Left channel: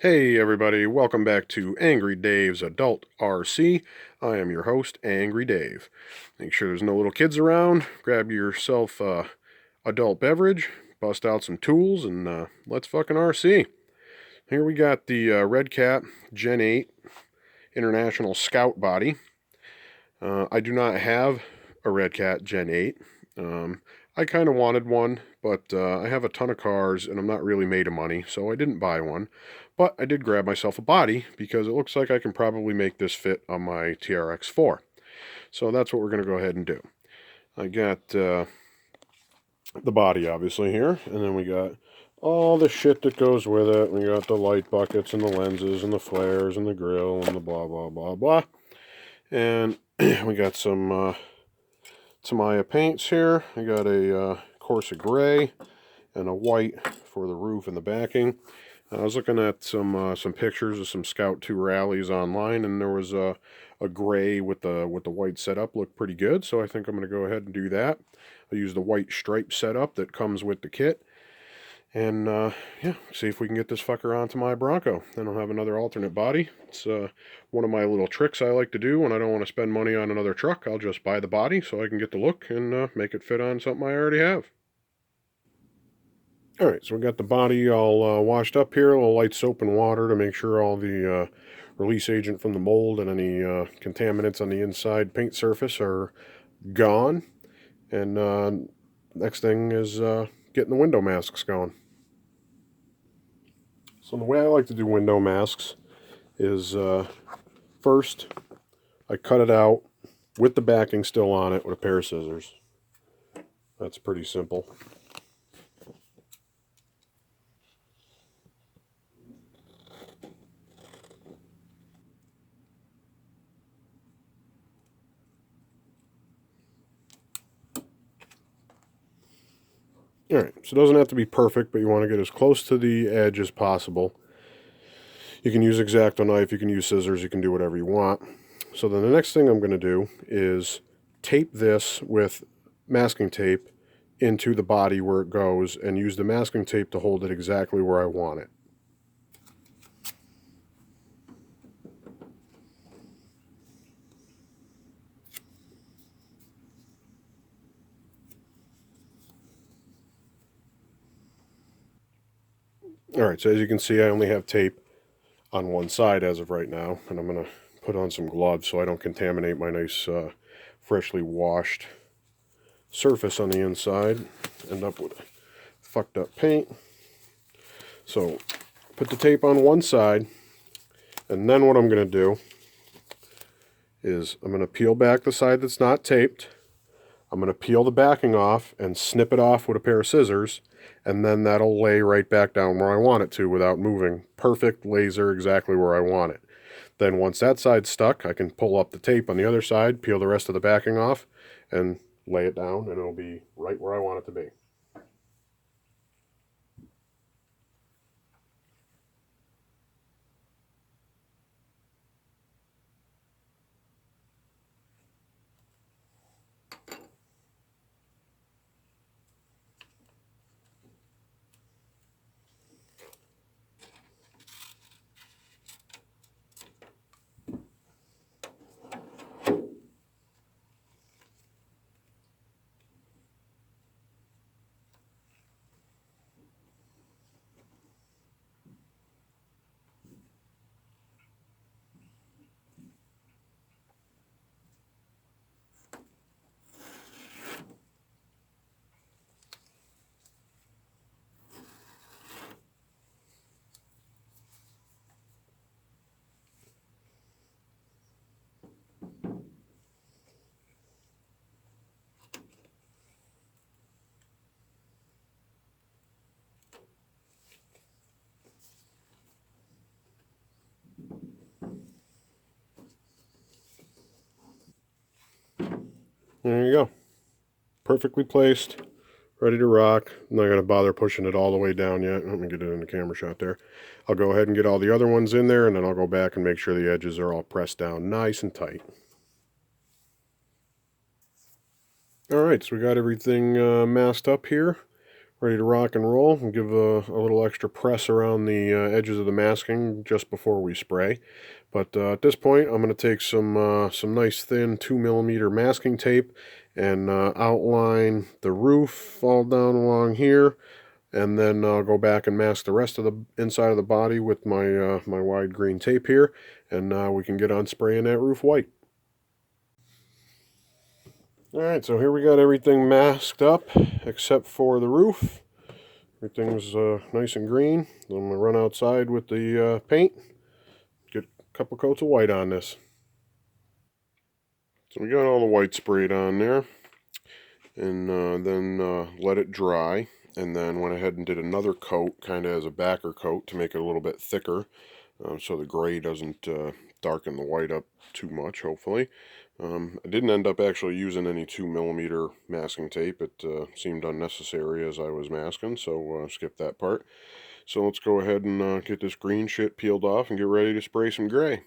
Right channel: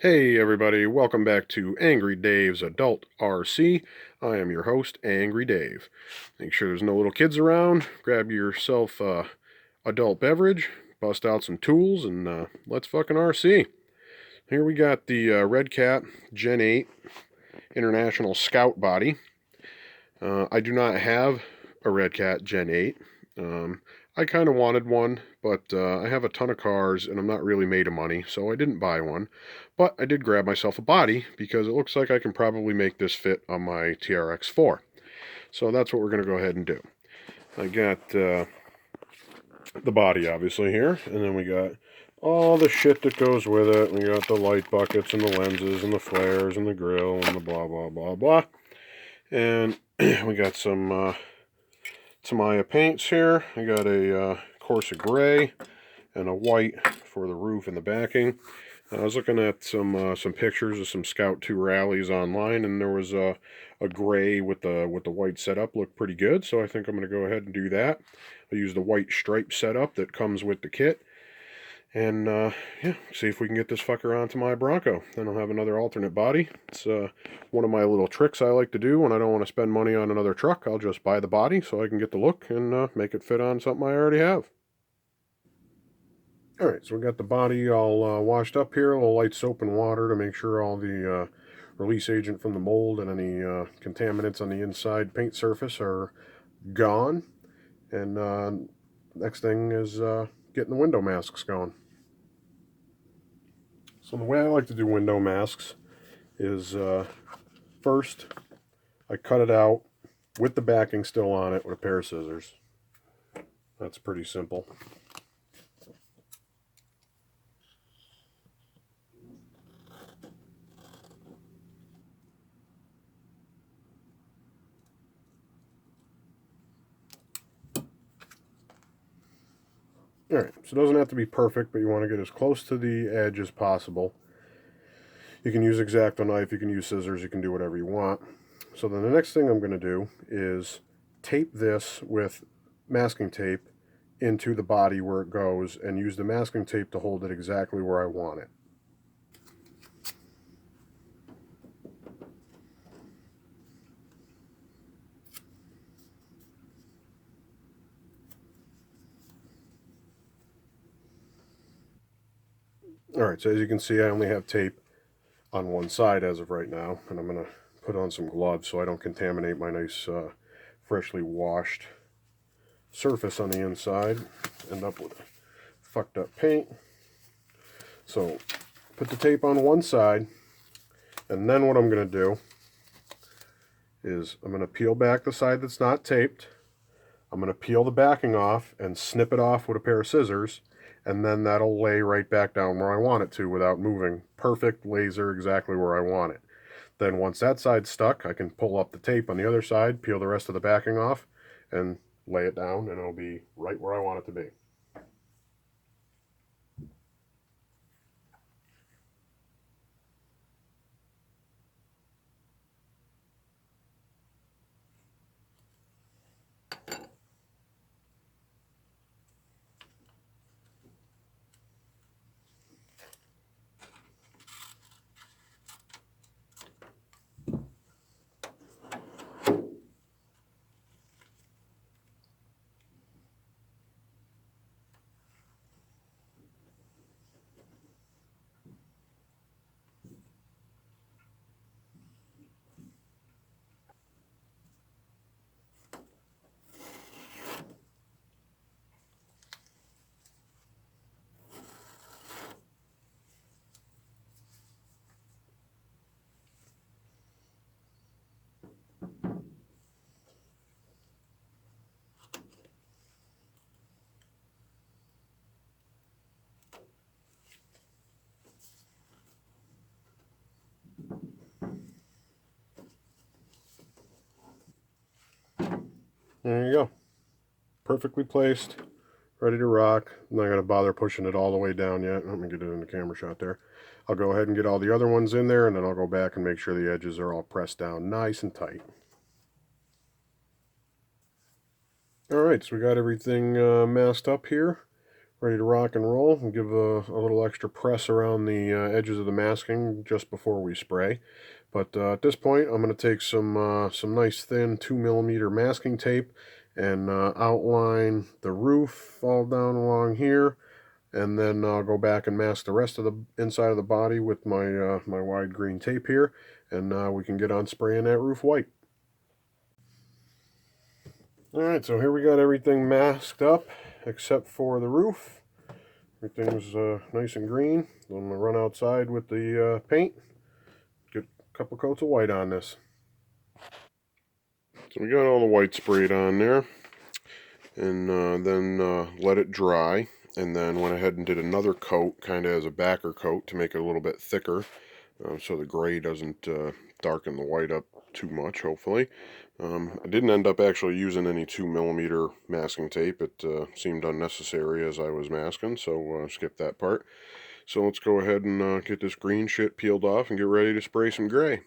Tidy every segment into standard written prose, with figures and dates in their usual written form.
Hey everybody, welcome back to Angry Dave's Adult RC. I am your host, Angry Dave. Make sure there's no little kids around. Grab yourself a adult beverage, bust out some tools, and let's fucking RC. Here we got the Redcat Gen 8 International Scout body. I do not have a Redcat Gen 8. I kind of wanted one, but I have a ton of cars and I'm not really made of money, so I didn't buy one. But I did grab myself a body because it looks like I can probably make this fit on my TRX4. So that's what we're going to go ahead and do. I got the body obviously here, and then we got all the shit that goes with it. We got the light buckets and the lenses and the flares and the grill and the blah blah blah blah. And we got some Tamiya paints here. I got a Corsa gray and a white for the roof and the backing. I was looking at some pictures of some Scout 2 rallies online, and there was a gray with the white setup looked pretty good, so I think I'm going to go ahead and do that. I use the white stripe setup that comes with the kit, and yeah, see if we can get this fucker onto my Bronco. Then I'll have another alternate body. It's one of my little tricks I like to do when I don't want to spend money on another truck. I'll just buy the body so I can get the look and make it fit on something I already have. Alright, so we got the body all washed up here, a little light soap and water to make sure all the release agent from the mold and any contaminants on the inside paint surface are gone. And next thing is getting the window masks going. So the way I like to do window masks is first I cut it out with the backing still on it with a pair of scissors. That's pretty simple. Alright, so it doesn't have to be perfect, but you want to get as close to the edge as possible. You can use X-Acto knife, you can use scissors, you can do whatever you want. So then the next thing I'm going to do is tape this with masking tape into the body where it goes and use the masking tape to hold it exactly where I want it. Alright, so as you can see, I only have tape on one side as of right now, and I'm going to put on some gloves so I don't contaminate my nice freshly washed surface on the inside. End up with fucked up paint. So put the tape on one side, and then what I'm going to do is I'm going to peel back the side that's not taped. I'm going to peel the backing off and snip it off with a pair of scissors, and then that'll lay right back down where I want it to without moving. Perfect laser, exactly where I want it. Then once that side's stuck, I can pull up the tape on the other side, peel the rest of the backing off, and lay it down, and it'll be right where I want it to be. There you go. Perfectly placed, ready to rock. I'm not going to bother pushing it all the way down yet. Let me get it in the camera shot there. I'll go ahead and get all the other ones in there, and then I'll go back and make sure the edges are all pressed down nice and tight. Alright, so we got everything masked up here, ready to rock and roll, and give a little extra press around the edges of the masking just before we spray. But at this point, I'm going to take some nice thin 2mm masking tape and outline the roof all down along here, and then go back and mask the rest of the inside of the body with my wide green tape here, and we can get on spraying that roof white. Alright, so here we got everything masked up except for the roof. Everything's nice and green. I'm going to run outside with the paint, get a couple coats of white on this. So we got all the white sprayed on there, and then let it dry, and then went ahead and did another coat, kind of as a backer coat to make it a little bit thicker, so the gray doesn't darken the white up too much, hopefully. I didn't end up actually using any 2mm masking tape. It seemed unnecessary as I was masking, so skip that part. So let's go ahead and get this green shit peeled off and get ready to spray some gray.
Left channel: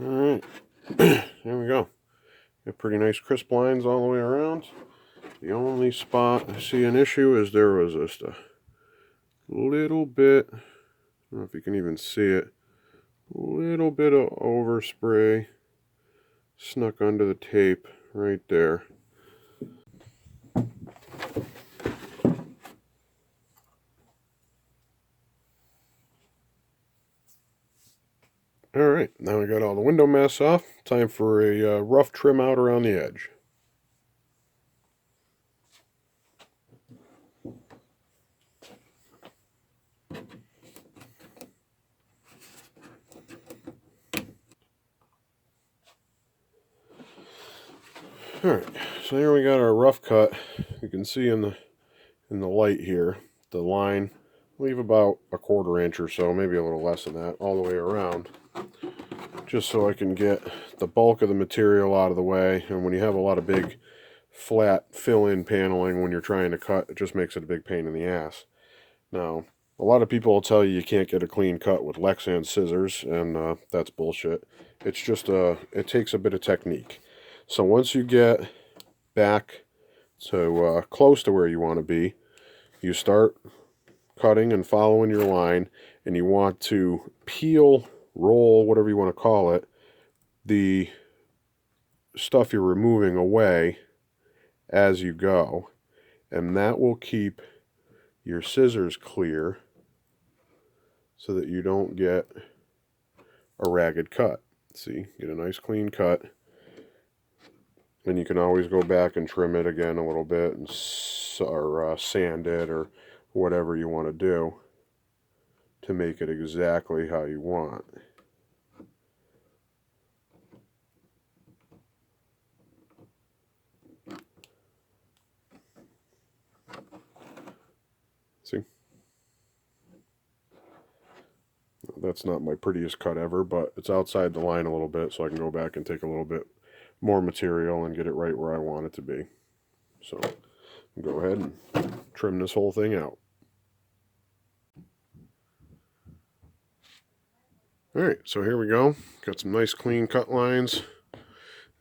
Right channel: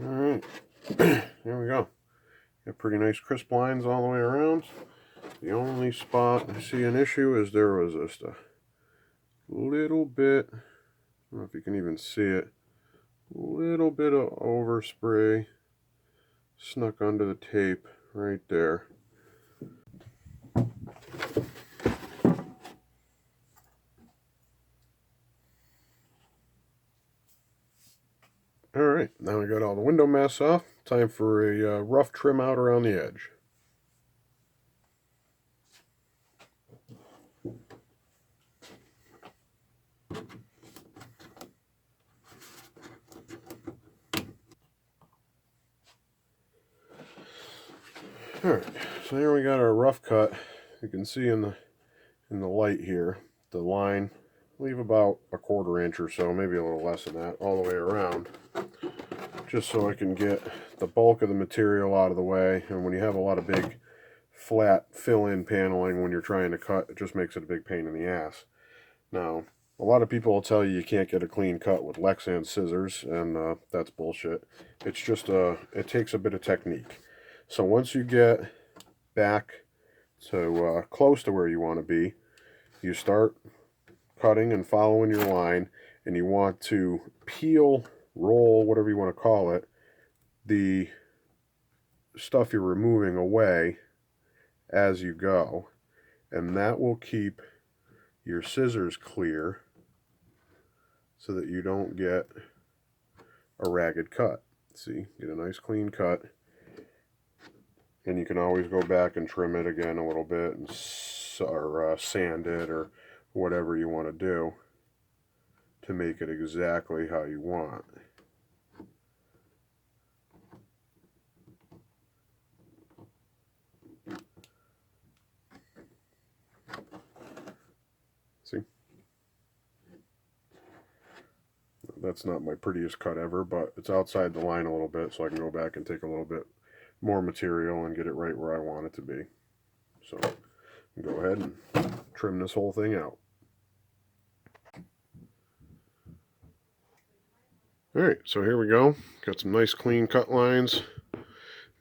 Alright, there we go. Got pretty nice crisp lines all the way around. The only spot I see an issue is there was just a little bit, I don't know if you can even see it, a little bit of overspray snuck under the tape right there. Alright, now I got all the window mess off. Time for a rough trim out around the edge. Alright, so here we got our rough cut. You can see in the light here, the line, leave about a 1/4 inch or so, maybe a little less than that, all the way around. just so I can get the bulk of the material out of the way. And when you have a lot of big flat fill-in paneling when you're trying to cut, it just makes it a big pain in the ass. Now, a lot of people will tell you can't get a clean cut with Lexan scissors, and that's bullshit. It's just it takes a bit of technique. So once you get back to close to where you want to be, you start cutting and following your line, and you want to peel, roll, whatever you want to call it, the stuff you're removing away as you go, and that will keep your scissors clear so that you don't get a ragged cut. See, get a nice clean cut. Then you can always go back and trim it again a little bit, and or sand it, or whatever you want to do to make it exactly how you want. See? That's not my prettiest cut ever, but it's outside the line a little bit, so I can go back and take a little bit more material and get it right where I want it to be. So go ahead and trim this whole thing out. Alright, so here we go. Got some nice clean cut lines.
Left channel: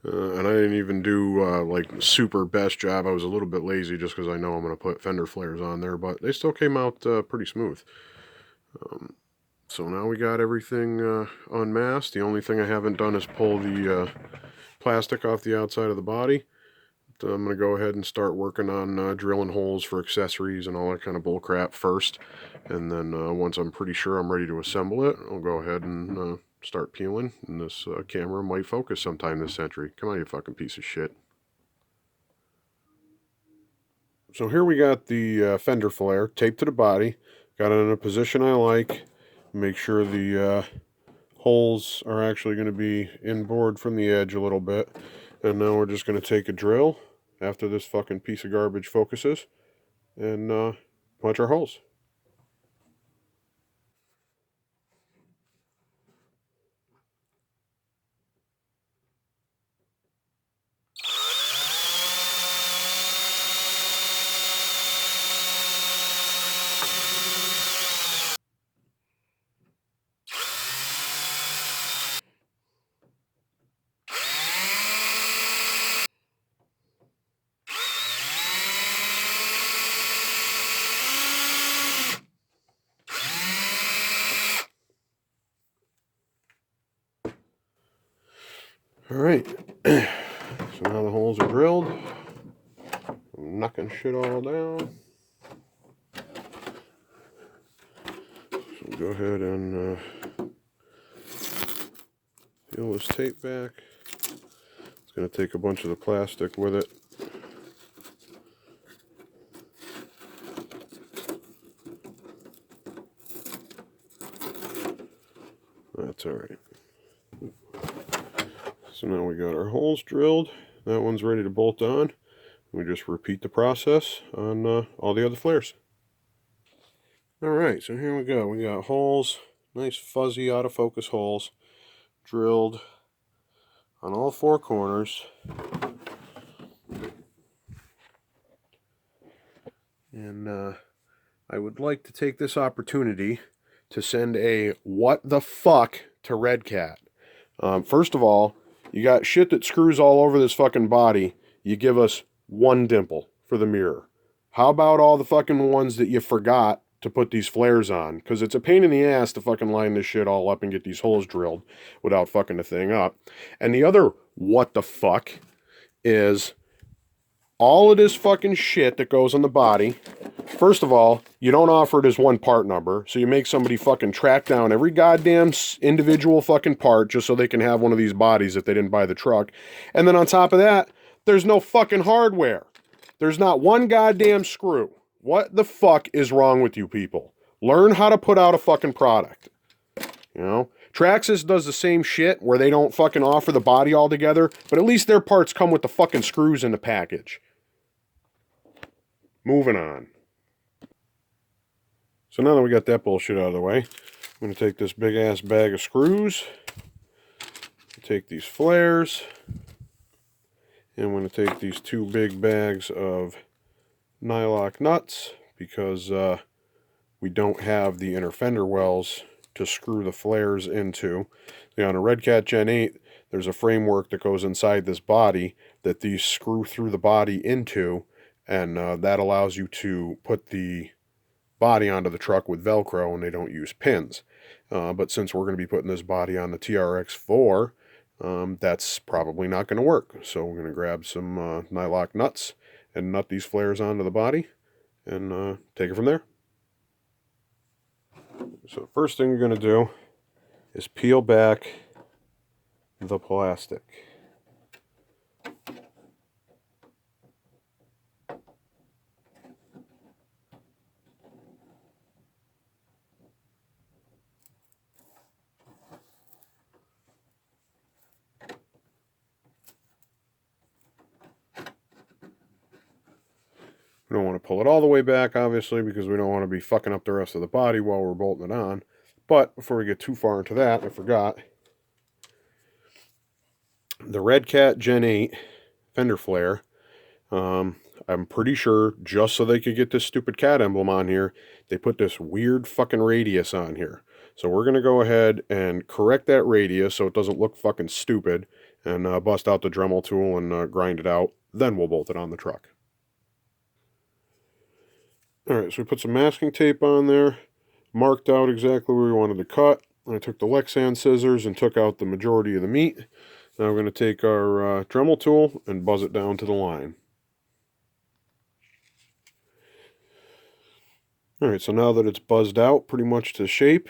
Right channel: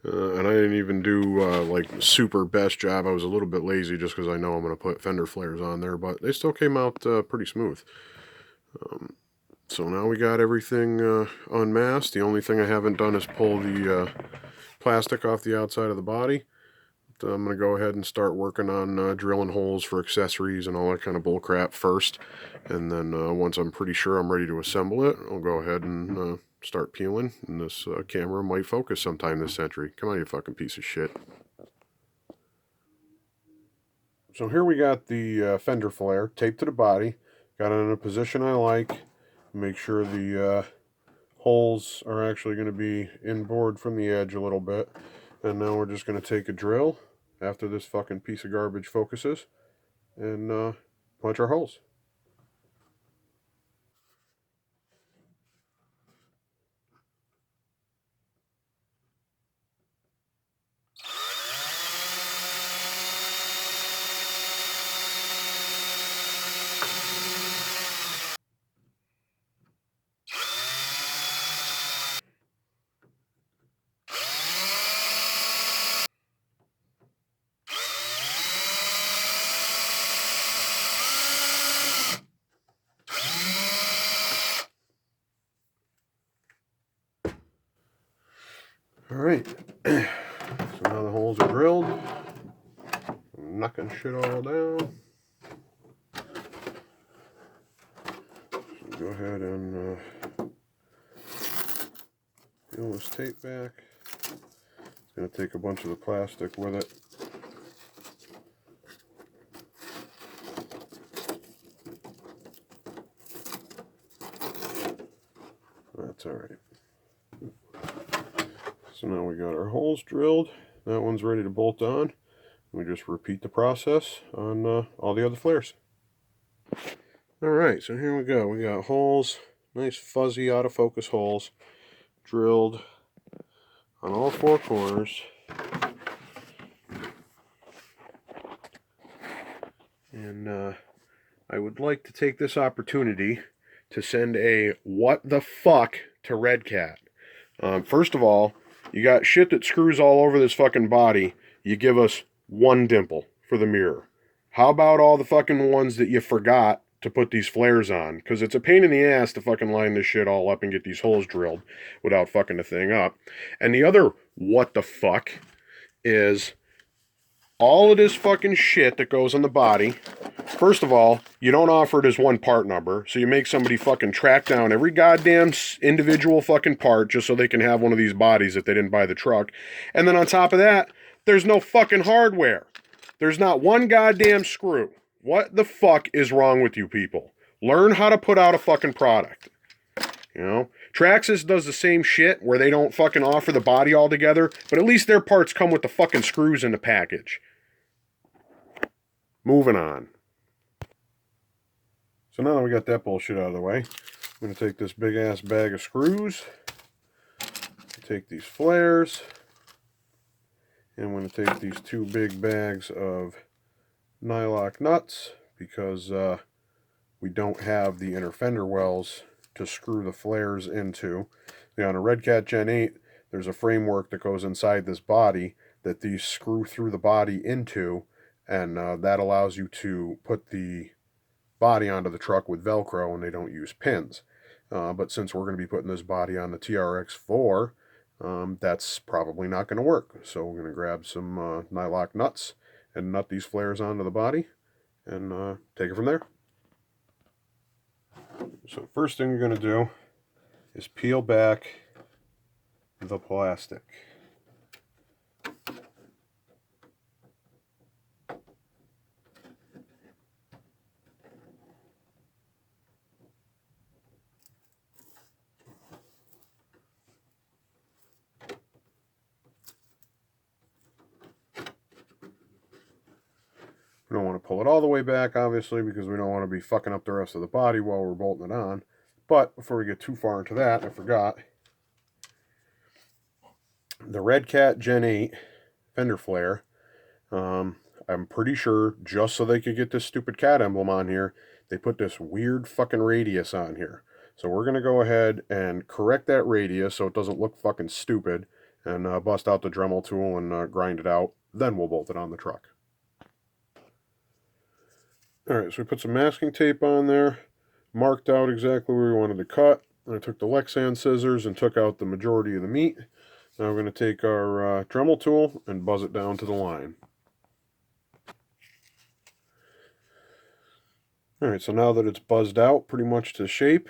And I didn't even do like super best job. I was a little bit lazy just because I know I'm going to put Fender Flares on there, but they still came out pretty smooth. So now we got everything unmasked. The only thing I haven't done is pull the plastic off the outside of the body. I'm going to go ahead and start working on drilling holes for accessories and all that kind of bull crap first. And then once I'm pretty sure I'm ready to assemble it, I'll go ahead and start peeling. And this camera might focus sometime this century. Come on, you fucking piece of shit. So here we got the Fender Flare taped to the body. Got it in a position I like. Make sure the holes are actually going to be inboard from the edge a little bit. And now we're just going to take a drill after this fucking piece of garbage focuses and punch our holes. Alright, so now the holes are drilled. I'm knocking shit all down. So go ahead and peel this tape back. It's going to take a bunch of the plastic with it. That's alright. So now we got our holes drilled. That one's ready to bolt on. We just repeat the process on all the other flares. Alright, so here we go. We got holes, nice fuzzy out of focus holes, drilled on all four corners. And I would like to take this opportunity to send a what the fuck to Redcat. First of all, you got shit that screws all over this fucking body. You give us one dimple for the mirror. How about all the fucking ones that you forgot to put these flares on? Because it's a pain in the ass to fucking line this shit all up and get these holes drilled without fucking the thing up. And the other what the fuck is all of this fucking shit that goes on the body. First of all, you don't offer it as one part number, so you make somebody fucking track down every goddamn individual fucking part just so they can have one of these bodies if they didn't buy the truck. And then on top of that, there's no fucking hardware. There's not one goddamn screw. What the fuck is wrong with you people? Learn how to put out a fucking product. You know? Traxxas does the same shit where they don't fucking offer the body altogether, but at least their parts come with the fucking screws in the package. Moving on. So now that we got that bullshit out of the way, I'm going to take this big ass bag of screws take these flares, and I'm going to take these 2 big bags of nylock nuts, because we don't have the inner fender wells to screw the flares into. On a Redcat Gen 8, there's a framework that goes inside this body that these screw through the body into, and that allows you to put the body onto the truck with Velcro, and they don't use pins. But since we're going to be putting this body on the TRX4, that's probably not going to work. So we're going to grab some nylock nuts and nut these flares onto the body, and take it from there. So the first thing you're going to do is peel back the plastic. We don't want to pull it all the way back, obviously, because we don't want to be fucking up the rest of the body while we're bolting it on. But before we get too far into that, I forgot. The Redcat Gen 8 Fender Flare, I'm pretty sure just so they could get this stupid cat emblem on here, they put this weird fucking radius on here. So we're going to go ahead and correct that radius so it doesn't look fucking stupid, and bust out the Dremel tool and grind it out. Then we'll bolt it on the truck. Alright, so we put some masking tape on there, marked out exactly where we wanted to cut. I took the Lexan scissors and took out the majority of the meat. Now we're going to take our Dremel tool and buzz it down to the line. Alright, so now that it's buzzed out pretty much to shape,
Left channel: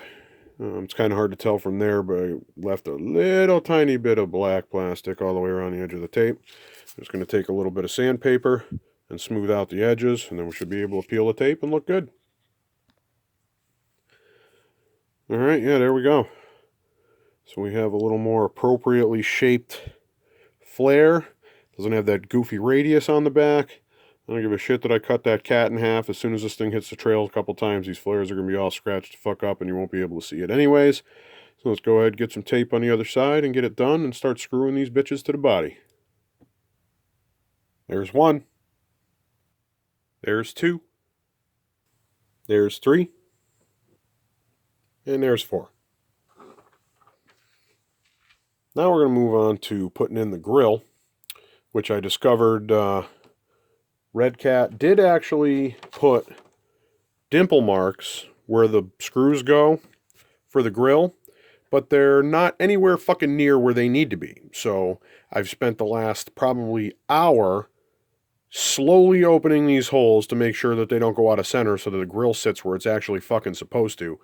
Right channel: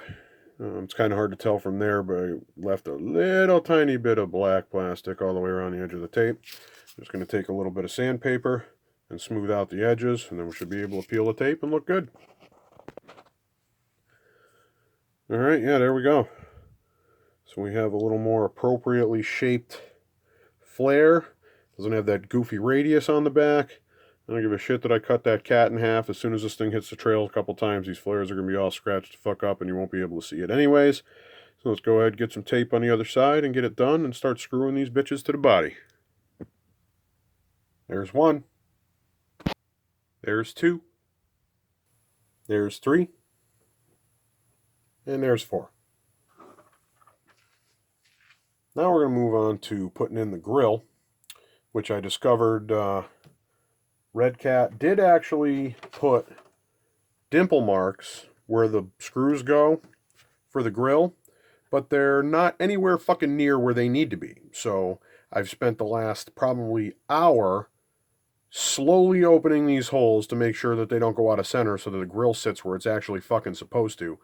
it's kind of hard to tell from there, but I left a little tiny bit of black plastic all the way around the edge of the tape. I'm just going to take a little bit of sandpaper and smooth out the edges, and then we should be able to peel the tape and look good. Alright, yeah, there we go. So we have a little more appropriately shaped flare. Doesn't have that goofy radius on the back. I don't give a shit that I cut that cat in half. As soon as this thing hits the trail a couple times, these flares are going to be all scratched the fuck up and you won't be able to see it anyways. So let's go ahead and get some tape on the other side and get it done and start screwing these bitches to the body. There's 1. There's 2. There's 3. And there's 4. Now we're going to move on to putting in the grill, which I discovered Redcat did actually put dimple marks where the screws go for the grill, but they're not anywhere fucking near where they need to be. So I've spent the last probably hour slowly opening these holes to make sure that they don't go out of center so that the grill sits where it's actually fucking supposed to.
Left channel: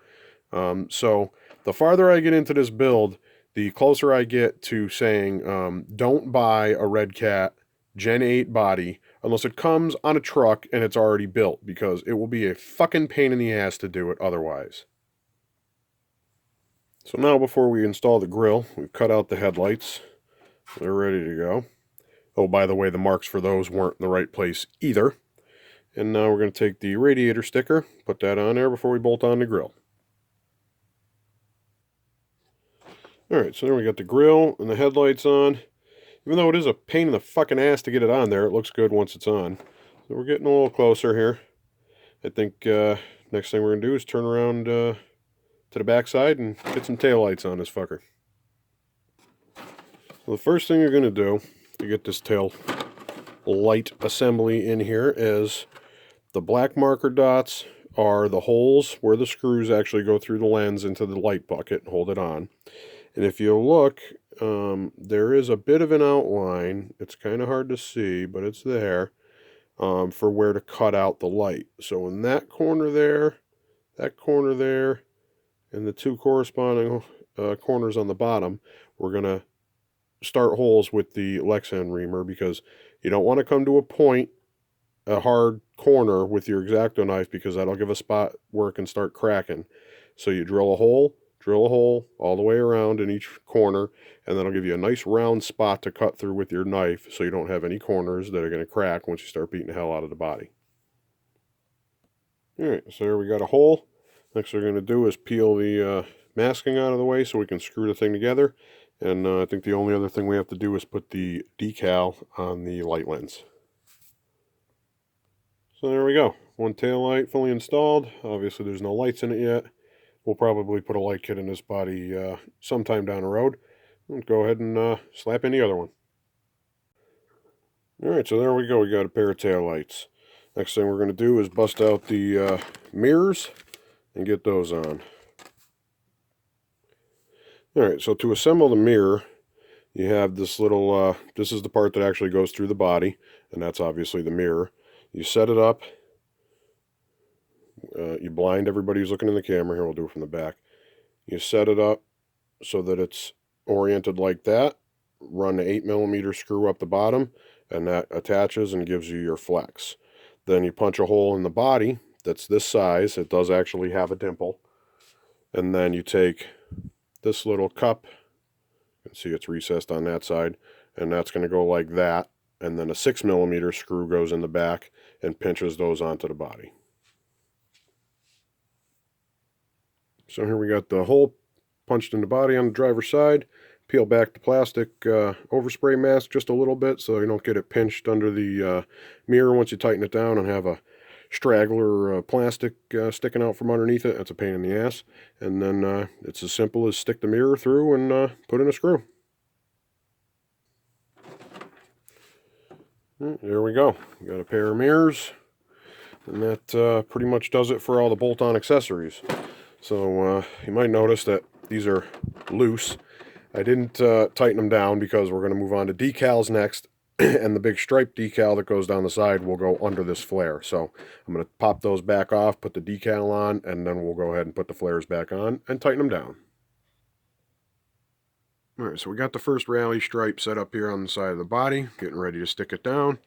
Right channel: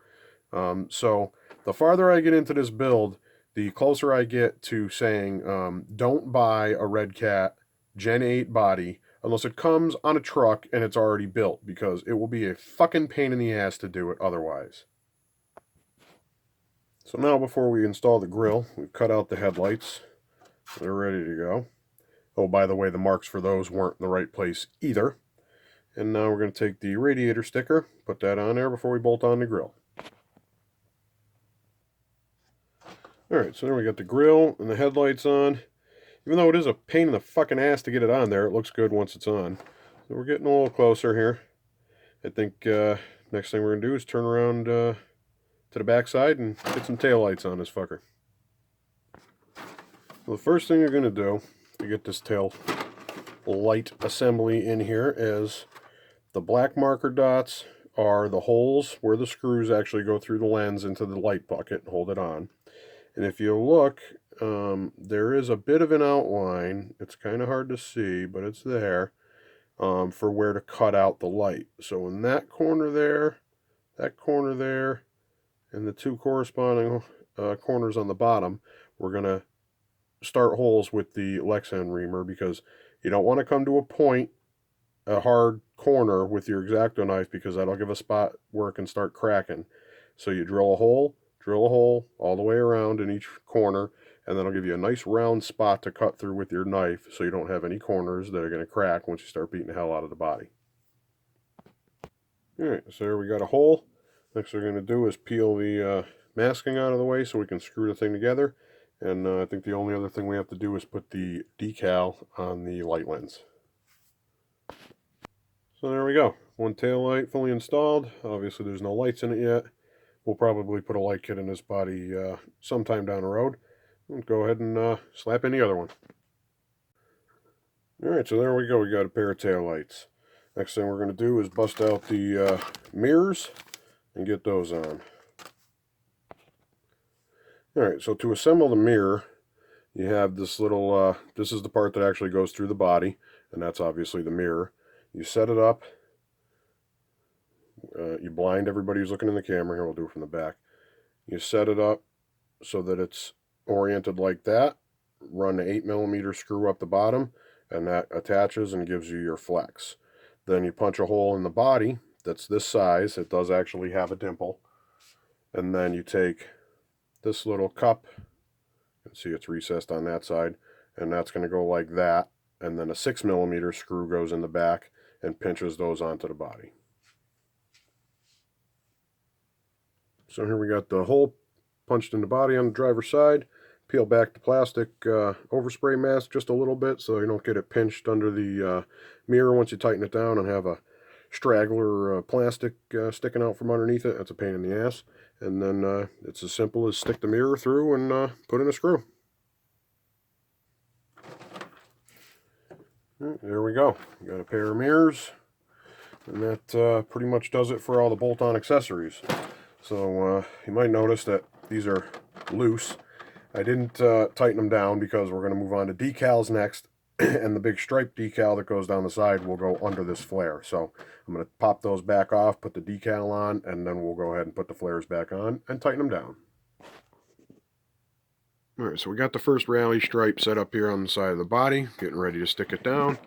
So the farther I get into this build, the closer I get to saying don't buy a Redcat Gen 8 body unless it comes on a truck and it's already built, because it will be a fucking pain in the ass to do it otherwise. So now before we install the grill, we've cut out the headlights. They're ready to go. Oh, by the way, the marks for those weren't in the right place either. And now we're going to take the radiator sticker, put that on there before we bolt on the grill. Alright, so then we got the grill and the headlights on. Even though it is a pain in the fucking ass to get it on there, it looks good once it's on. So we're getting a little closer here. I think next thing we're going to do is turn around to the back side and get some taillights on this fucker. So the first thing you're going to do to get this tail light assembly in here is the black marker dots are the holes where the screws actually go through the lens into the light bucket and hold it on. And if you look, there is a bit of an outline. It's kind of hard to see, but it's there for where to cut out the light. So in that corner there, and the 2 corresponding corners on the bottom, we're going to start holes with the Lexan reamer, because you don't want to come to a hard corner with your X-Acto knife, because that'll give a spot where it can start cracking. So you drill a hole all the way around in each corner, and that'll give you a nice round spot to cut through with your knife, so you don't have any corners that are going to crack once you start beating the hell out of the body. Alright, so there we got a hole. Next we're going to do is peel the masking out of the way so we can screw the thing together. And I think the only other thing we have to do is put the decal on the light lens. So there we go. One tail light fully installed. Obviously there's no lights in it yet. We'll probably put a light kit in this body sometime down the road. We'll go ahead and slap in the other one. Alright, so there we go. We got a pair of tail lights. Next thing we're going to do is bust out the mirrors and get those on. Alright, so to assemble the mirror, you have this little, this is the part that actually goes through the body, and that's obviously the mirror. You set it up, you blind everybody who's looking in the camera. Here, we'll do it from the back. You set it up so that it's oriented like that. Run the 8mm screw up the bottom, and that attaches and gives you your flex. Then you punch a hole in the body that's this size. It does actually have a dimple. And then you take this little cup, you can see it's recessed on that side, and that's going to go like that. And then a 6mm screw goes in the back and pinches those onto the body. So here we got the hole punched in the body on the driver's side. Peel back the plastic overspray mask just a little bit so you don't get it pinched under the mirror once you tighten it down and have a straggler plastic sticking out from underneath it. That's a pain in the ass. And then it's as simple as stick the mirror through and put in a screw. There we go. We got a pair of mirrors, and that pretty much does it for all the bolt-on accessories. So you might notice that these are loose. I didn't tighten them down because we're going to move on to decals next, and the big stripe decal that goes down the side will go under this flare. So I'm going to pop those back off, put the decal on, and then we'll go ahead and put the flares back on and tighten them down. Alright, so we got the first rally stripe set up here on the side of the body, getting ready to stick it down.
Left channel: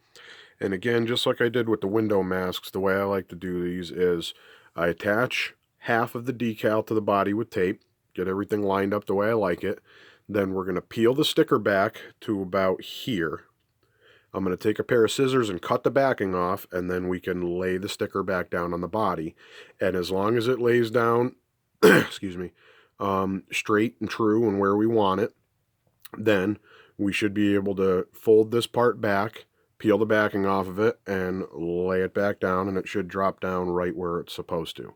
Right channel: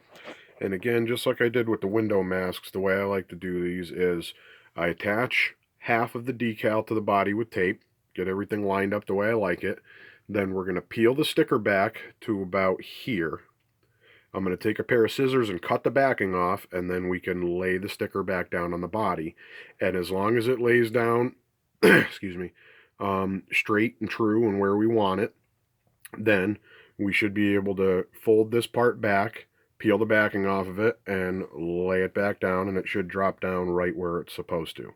And again, just like I did with the window masks, the way I like to do these is I attach half of the decal to the body with tape, get everything lined up the way I like it. Then we're going to peel the sticker back to about here. I'm going to take a pair of scissors and cut the backing off, and then we can lay the sticker back down on the body. And as long as it lays down, excuse me, straight and true and where we want it, then we should be able to fold this part back, peel the backing off of it, and lay it back down, and it should drop down right where it's supposed to.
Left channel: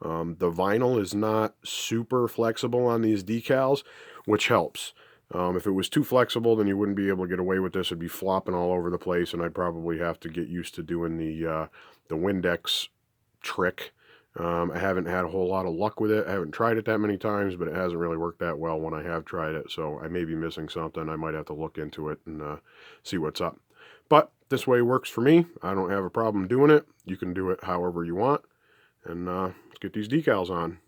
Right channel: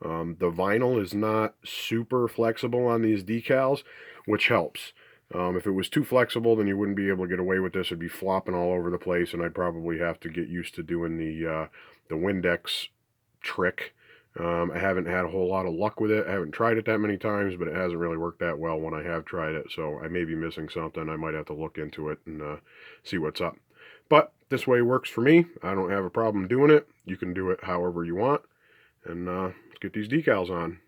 The vinyl is not super flexible on these decals, which helps. If it was too flexible, then you wouldn't be able to get away with this. It'd be flopping all over the place, and I'd probably have to get used to doing the Windex trick. I haven't had a whole lot of luck with it. I haven't tried it that many times, but it hasn't really worked that well when I have tried it. So I may be missing something. I might have to look into it and see what's up. But this way works for me. I don't have a problem doing it. You can do it however you want. And let's get these decals on.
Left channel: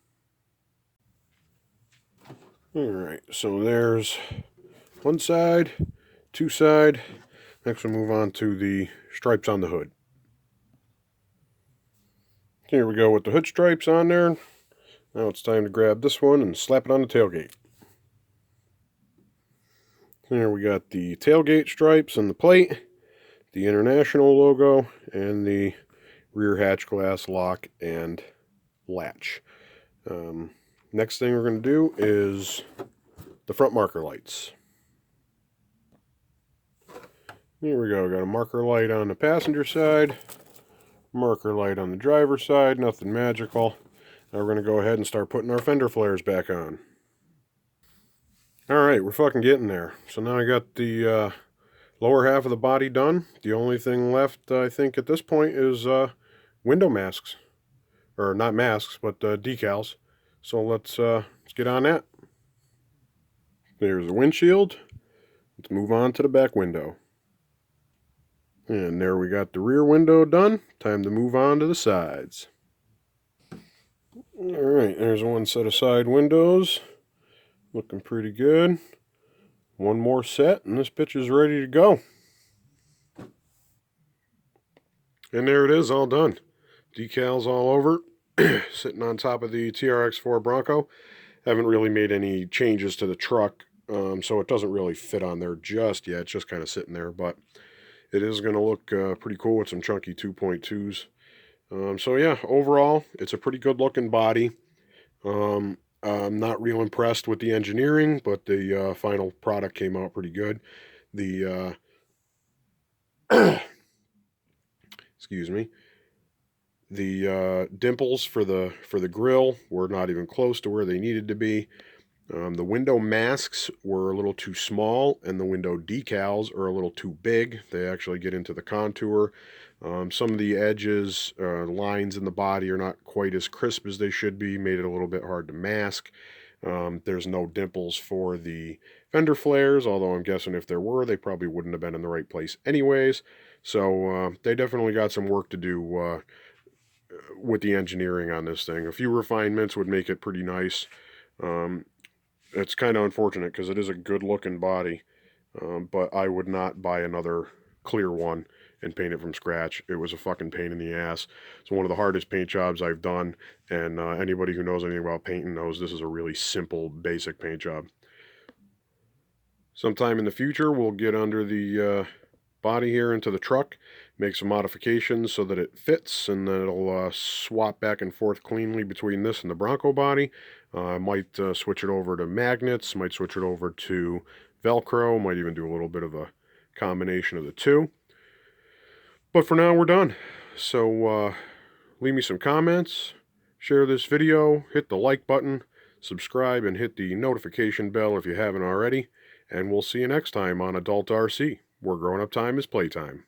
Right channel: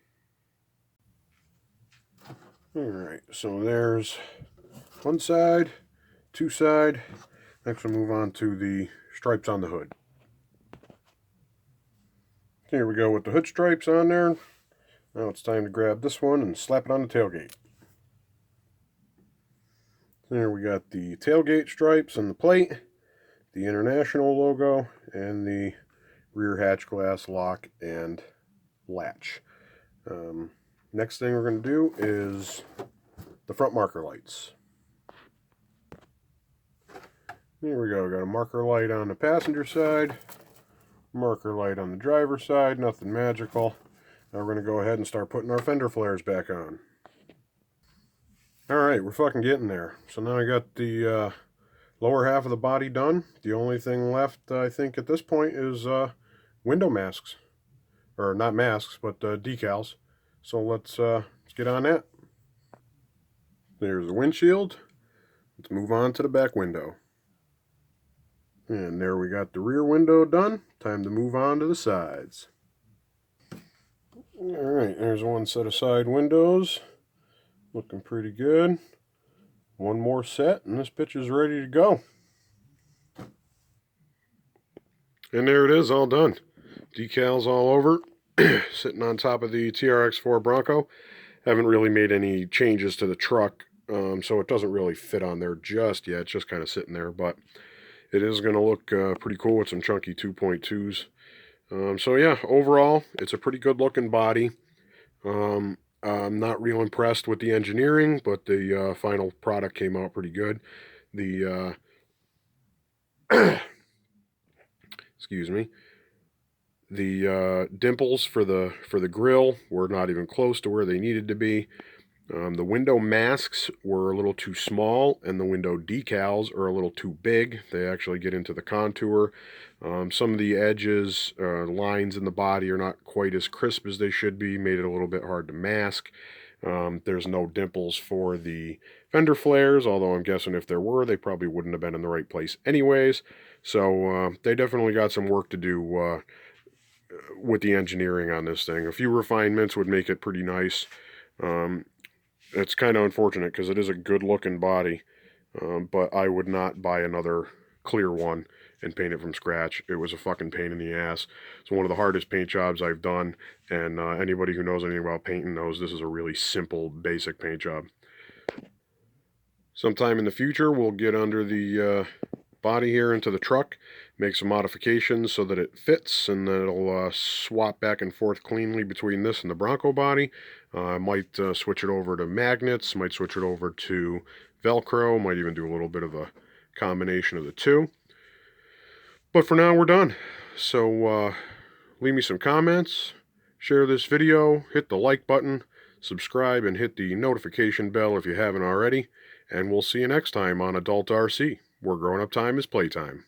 Alright, so there's one side, two side. Next we'll move on to the stripes on the hood. Here we go with the hood stripes on there. Now it's time to grab this one and slap it on the tailgate. Here we got the tailgate stripes on the plate, the International logo, and the rear hatch glass lock and latch. Next thing we're going to do is the front marker lights. Here we go. Got a marker light on the passenger side, marker light on the driver's side, nothing magical. Now we're going to go ahead and start putting our fender flares back on. Alright, we're fucking getting there. So now I got the lower half of the body done. The only thing left, I think, at this point is window masks. Or not masks, but decals. So let's get on that. There's the windshield. Let's move on to the back window. And there we got the rear window done. Time to move on to the sides. Alright, there's one set of side windows. Looking pretty good. One more set and this bitch is ready to go. And there it is, all done. Decals all over. Sitting on top of the TRX4 Bronco. Haven't really made any changes to the truck, so it doesn't really fit on there just yet. It's just kind of sitting there, but it is going to look pretty cool with some chunky 2.2s. So yeah, overall, it's a pretty good looking body. I'm not real impressed with the engineering, but the final product came out pretty good. The excuse me, the dimples for the grill were not even close to where they needed to be. The window masks were a little too small, and the window decals are a little too big. They actually get into the contour. Some of the edges, lines in the body are not quite as crisp as they should be, made it a little bit hard to mask. There's no dimples for the Fender Flares, although I'm guessing if there were, they probably wouldn't have been in the right place anyways. So they definitely got some work to do with the engineering on this thing. A few refinements would make it pretty nice. Um, it's kind of unfortunate because it is a good looking body, but I would not buy another clear one and paint it from scratch. It was a fucking pain in the ass. It's one of the hardest paint jobs I've done, and anybody who knows anything about painting knows this is a really simple, basic paint job. Sometime in the future, we'll get under the body here into the truck, make some modifications so that it fits, and then it'll swap back and forth cleanly between this and the Bronco body. I might switch it over to magnets, might switch it over to Velcro, might even do a little bit of a combination of the two. But for now, we're done. So leave me some comments, share this video, hit the like button, subscribe, and hit the notification bell if you haven't already. And we'll see you next time on Adult RC, where grown-up time is playtime.